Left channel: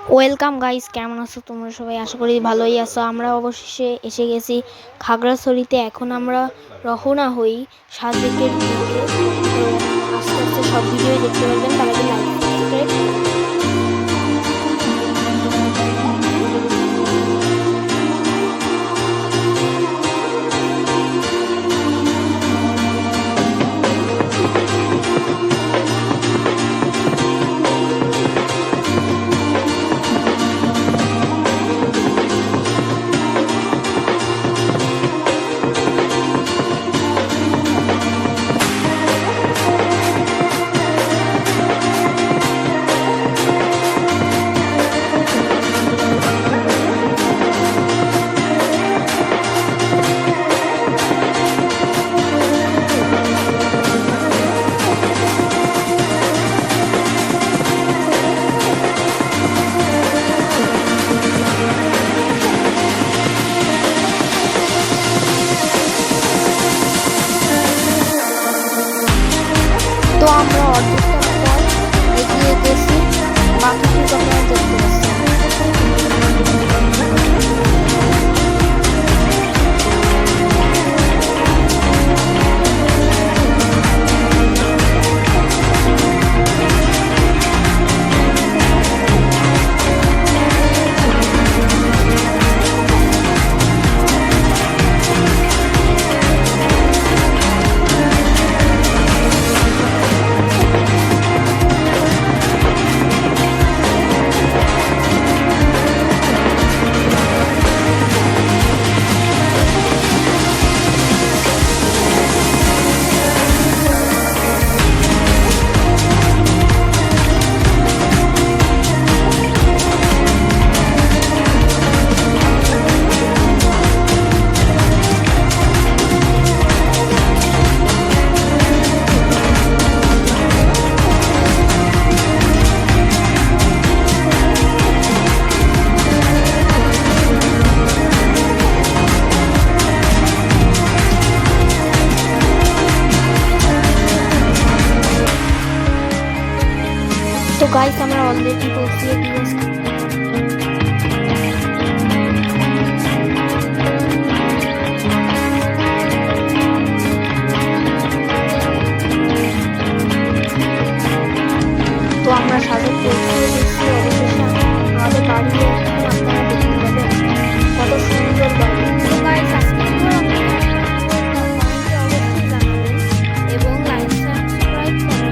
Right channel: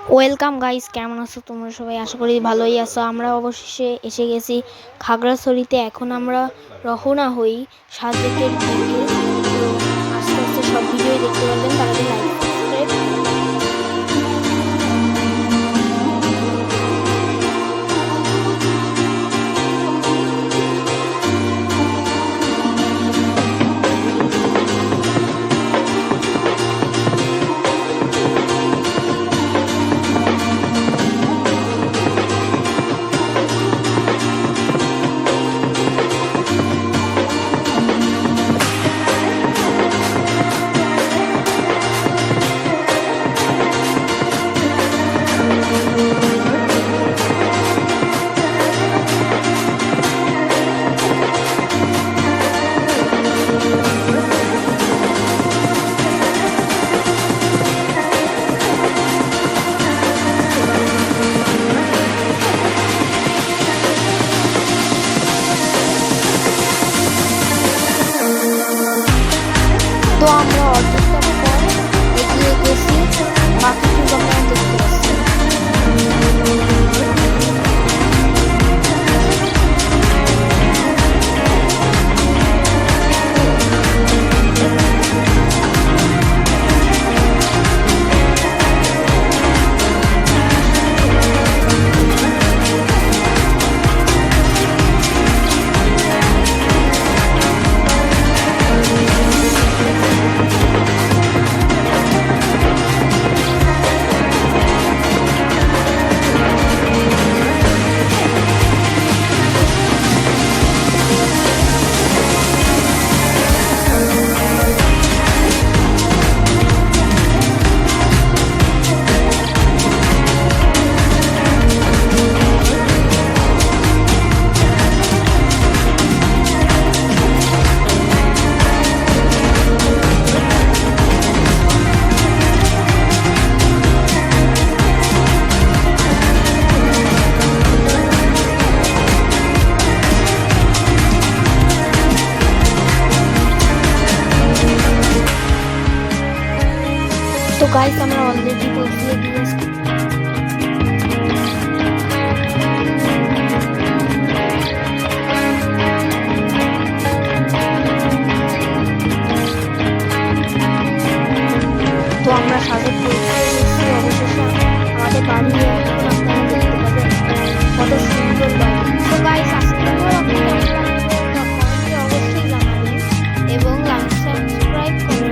Welcome guys, কেমন আছো তোমরা সবাই? আশা করি ভালোই আছো। আমরা অবশেষে এসে গেছি খাগড়াছড়িতে। এখন আমরা রওনা হই সাজেকের দিকে। তো আস্তে আস্তে সব ভিডিওই দেখতে পারবেন, তার আগে লাইক সাবস্ক্রাইব। তো আমরা অর্ধেকটা পথ এগিয়ে গেছি, বাকিটুকু আপনারা দেখতে পাচ্ছেন। তো গাইস, আমরা অলরেডি পৌঁছে গিয়েছি। তো আমরা সাজেক পৌঁছে গেছি অবশেষে। আমাদের বাড়ি এখন আপনারা দেখতে পাবেন, কত সুন্দর বাড়ি। তো গাইস, আজকে আপনাদের কেমন লাগবে কমেন্টে অবশ্যই জানাবেন এবং লাইক সাবস্ক্রাইব